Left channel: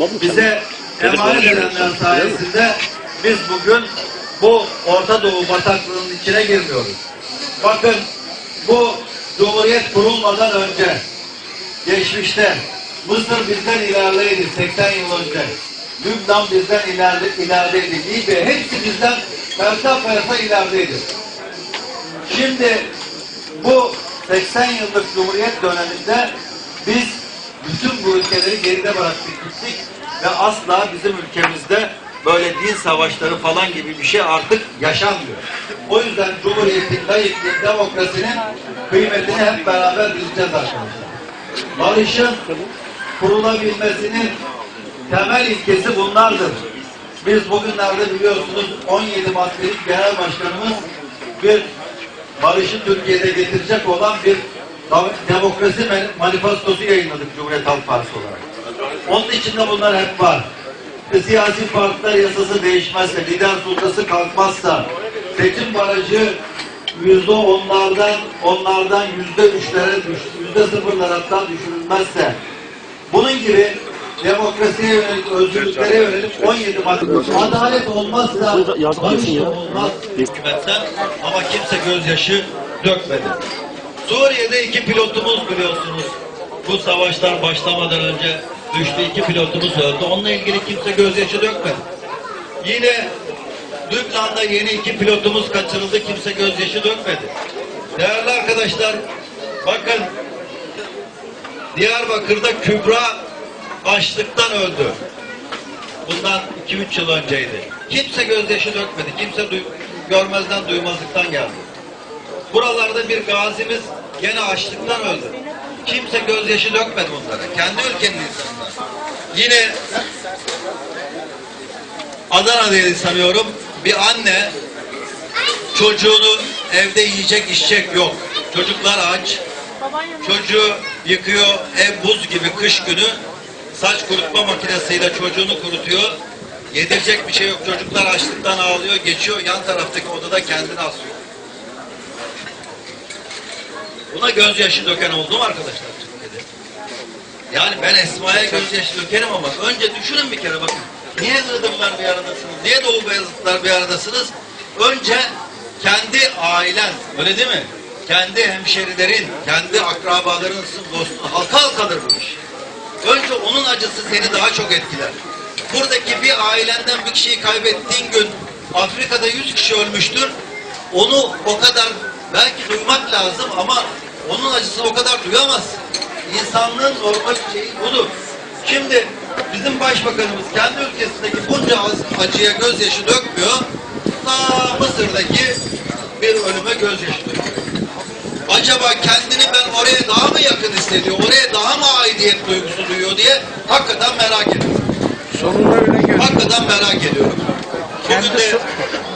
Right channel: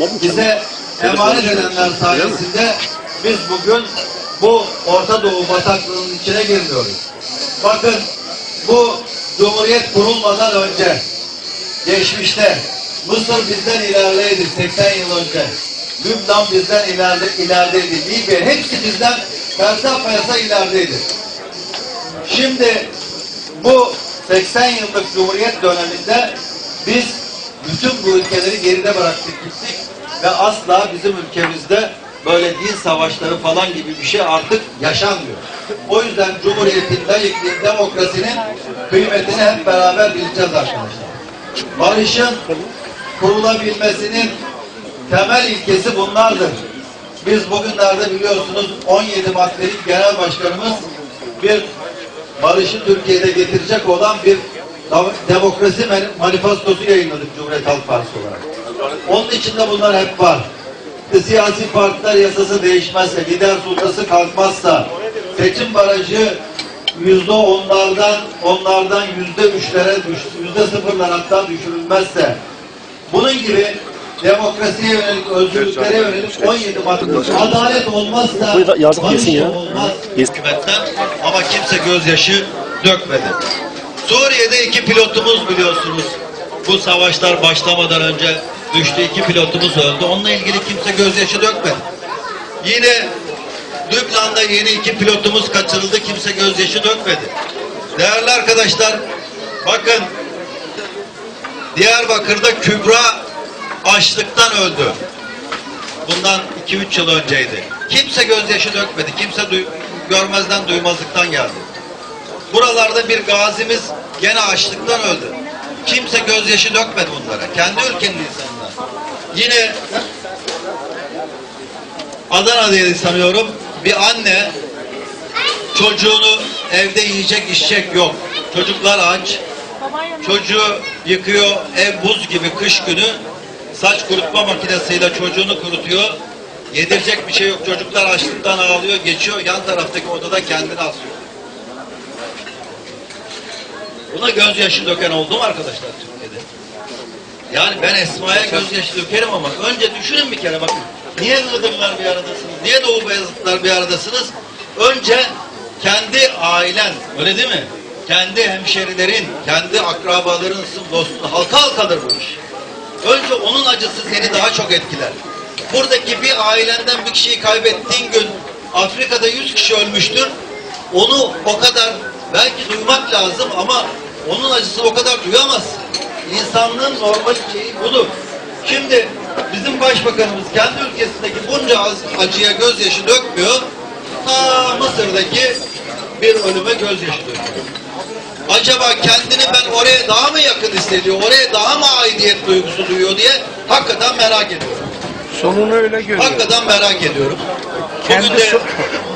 Bize emanet edenler sayesinde biz bugün bu Orta Doğu bataklığının içine girmiyoruz. Bakın bu Cumhuriyet kurulmadan önce geçmişte Mısır bizden ilerideydi 80 yıl önce. Lübnan bizden ileride, ilerideydi. Libya hepsi bizden persa persa ilerideydi. Şimdi bu 80 yıllık Cumhuriyet döneminde biz bütün bu ülkeleri geride bıraktık gittik ve asla bizim ülkemizde böyle din savaşları falan gibi bir şey artık yaşanmıyor. O yüzden Cumhuriyet'in, layıklığın, demokrasinin kıymetini hep beraber bileceğiz arkadaşlar. Barışın kurulabilmesinin temel ilkesi bunlardır. Biz bugünlerde biliyorsunuz 17 maddelik genel başkanımız bir barışı Türkiye'de getirecek olan bir demokrasi manifestosu yayınladık Cumhuriyet Halk Partisi olarak. Onun içinde bunlar hep var. İşte Siyasi partiler yasası değişmezse, lider sultası kalkmazsa, seçim barajı yüzde onlardan, onlardan yüzde üçlere, yüzde sıfırlar hatta düşürülmezse, bunun gibi demokrasiye yönelik, özgürlüklere yönelik 17 madde. Adalet olmazsa barış ya. olmaz. Ama kimse gözyaşı dökmedi. Suriye'de iki pilotumuz biliyorsunuz. Bu savaşlar başlamadan önce düştü iki pilotumuz öldü. Onunla ilgili kimse gözyaşı dökmedi. Yine Lübnan'da yeni iki pilotumuz kaçırıldı. Kimse gözyaşı dökmedi. Değerli arkadaşlar bakın Diyarbakır'da Kübra açlıktan öldü. Bundan 2-3 yıl önceydi. Kimse gözyaşı dökmedi. Kimse duy- görmezden duymazlıktan geldi. Buralarda bir gazimiz gene açlıktan öldü. Kimse gözyaşı dökmedi bunlara. Kendi ülkenin insanlar. Yine Adana'daydı sanıyorum. Bir anne çocuğunu evde yiyecek içecek yok. Çocuklar aç. Çocuğu yıkıyor ev buz gibi kış günü saç kurutma makinesiyle çocuğunu kurutuyor. Yedirecek bir şey yok. Çocuklar açlıktan ağlıyor, geçiyor. Yan taraftaki odada kendini asıyor. Buna gözyaşı döken oldu mu arkadaşlar? Yani ben Esma'ya gözyaşı dökerim ama önce düşünün bir kere bakın. Niye Iğdırlar bir aradasınız? Niye Doğu Beyazıtlar bir aradasınız? Önce kendi ailen, öyle değil mi? Kendi hemşerilerin, kendi akrabaların, dostun, halka halkadır bu iş. Önce onun acısı seni daha çok etkiler. Buradaki bir ailenden bir kişiyi kaybettiğin gün Afrika'da 100 kişi ölmüştür. Onu o kadar belki duymak lazım ama onun acısını o kadar duyamazsın. İnsanlığın normal şeyi budur. Şimdi bizim başbakanımız kendi ülkesindeki bunca az- acıya gözyaşı dökmüyor. Ta Mısır'daki bir ölüme gözyaşı döküyor. Acaba kendini ben oraya daha mı yakın hissediyor, oraya daha mı aidiyet duygusu duyuyor diye hakikaten merak ediyorum. Sonunu öyle görüyor. Hakikaten merak ediyorum. Bugün Kendi, de, so-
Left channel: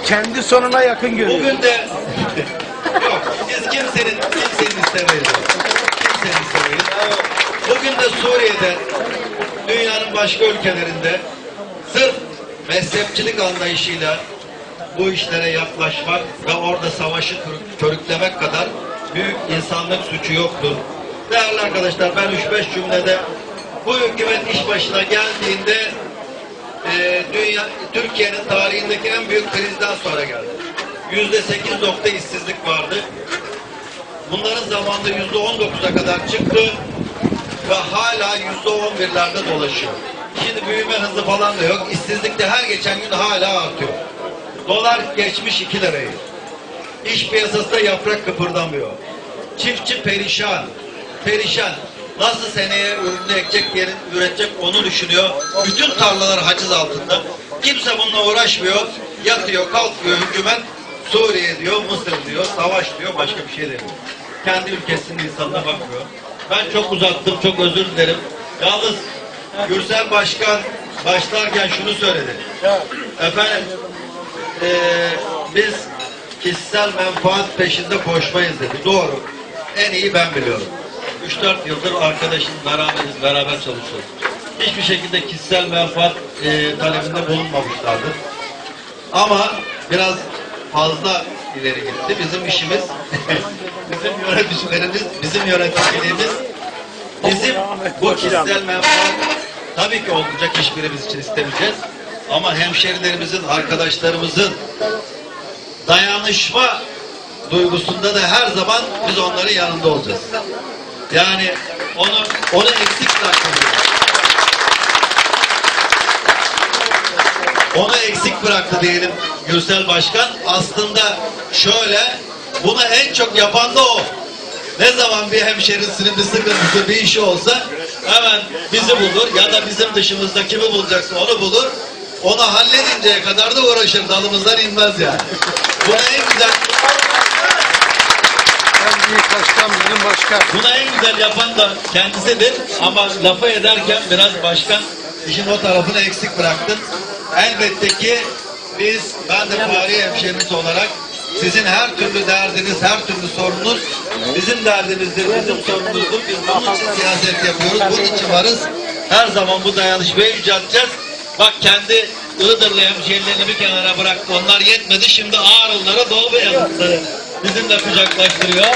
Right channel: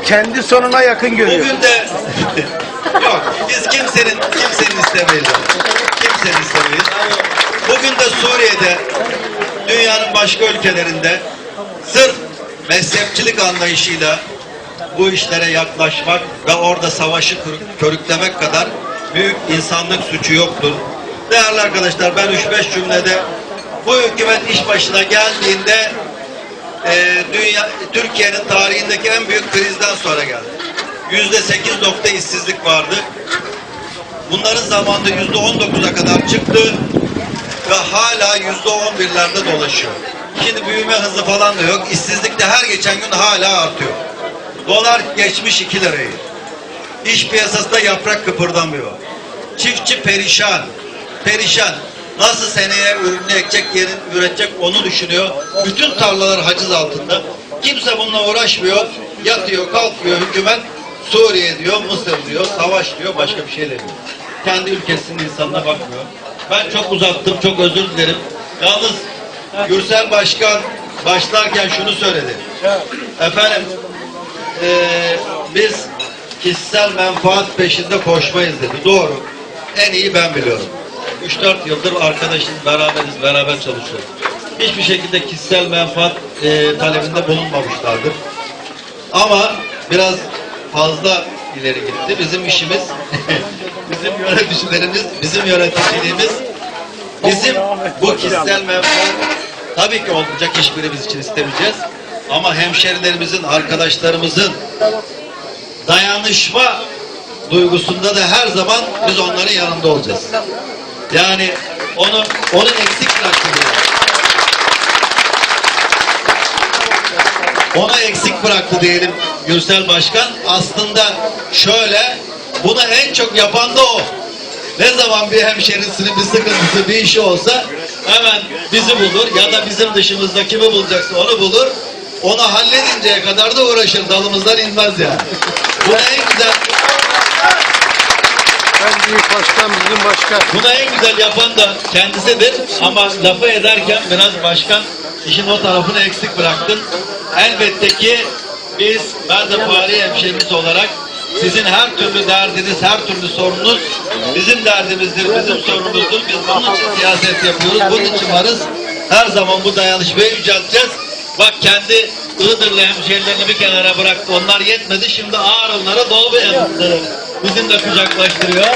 kendi sonuna yakın görüyor. bugün de yok biz kimsenin kimsenin istemeyiz. Kimsenin istemeyiz. Bugün de Suriye'de dünyanın başka ülkelerinde sırf mezhepçilik anlayışıyla bu işlere yaklaşmak ve orada savaşı körüklemek kadar büyük insanlık suçu yoktur. Değerli arkadaşlar ben 3-5 cümlede bu hükümet iş başına geldiğinde e, dünya Türkiye'nin tarihindeki en büyük krizden sonra geldi. Yüzde sekiz nokta işsizlik vardı. Bunların zamanında yüzde on dokuza kadar çıktı ve hala yüzde on birlerde dolaşıyor. Şimdi büyüme hızı falan da yok. İşsizlik de her geçen gün hala artıyor. Dolar geçmiş iki lirayı. İş piyasasında yaprak kıpırdamıyor. Çiftçi perişan. Perişan. Nasıl seneye ürünü ekecek, yerin üretecek onu düşünüyor. Bütün tarlalar haciz altında. Kimse bununla uğraşmıyor. Yatıyor, kalkıyor hükümet. Suriye diyor, Mısır diyor, savaş diyor, başka bir şey demiyor. Kendi ülkesinin insanına bakmıyor. Ben çok uzattım, çok özür dilerim. Yalnız Gürsel Başkan başlarken şunu söyledi. Efendim, eee, biz kişisel menfaat peşinde koşmayız dedi. Doğru. En iyi ben biliyorum. 3-4 yıldır arkadaşım beraberiz, beraber çalışıyoruz. Hiçbir şekilde kişisel menfaat eee, talebinde bulunmamışlardır. Ama biraz fazla ileri gitti. Bizim işimiz, bizim yöneticilerimiz, bizim yöneticiliğimiz, bizim bu kişisel menfaat tabii ki olmayacak hiçbirimiz için istemeyeceğiz. Ama hemşerilerimizin, arkadaşlarımızın dayanışma duygusunda da her zaman biz onların yanında olacağız. Yani onu onu eksik bırakmıyoruz. Onu eksik bıraktı diyelim Gürsel Başkan. Aslında şöyle, bunu en çok yapan da o. Ne zaman bir hemşerisinin bir sıkıntısı, bir işi olsa hemen bizi bulur ya da bizim dışımızda kimi bulacaksa onu bulur. Onu halledinceye kadar da uğraşır. Dalımızdan inmez yani. Buna en güzel En büyük başkan bizim başkan. Bunu en güzel yapan da kendisidir ama lafı ederken biraz başkan işin o tarafını eksik bıraktın. Elbette ki biz, ben de hemşeriniz olarak sizin her türlü derdiniz, her türlü sorununuz bizim derdimizdir, bizim sorunumuzdur. Biz bunun için siyaset yapıyoruz, bunun için varız. Her zaman bu dayanışmayı yücelteceğiz. Bak kendi Iğdırlı hemşerilerini bir kenara bıraktı. Onlar yetmedi. Şimdi Ağrılara Doğu Beyazıtları bizimle kucaklaştırıyor.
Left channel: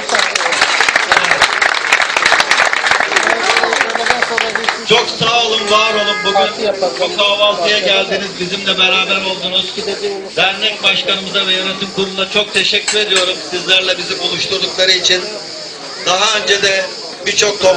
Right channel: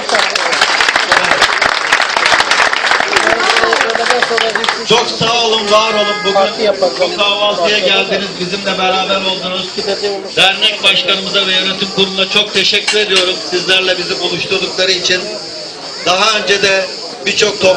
Çok sağ olun, var olun. Bugün bu kahvaltıya geldiniz, bizimle beraber oldunuz. Dernek başkanımıza ve yönetim kuruluna çok teşekkür ediyorum sizlerle bizi buluşturdukları için. Daha önce de birçok top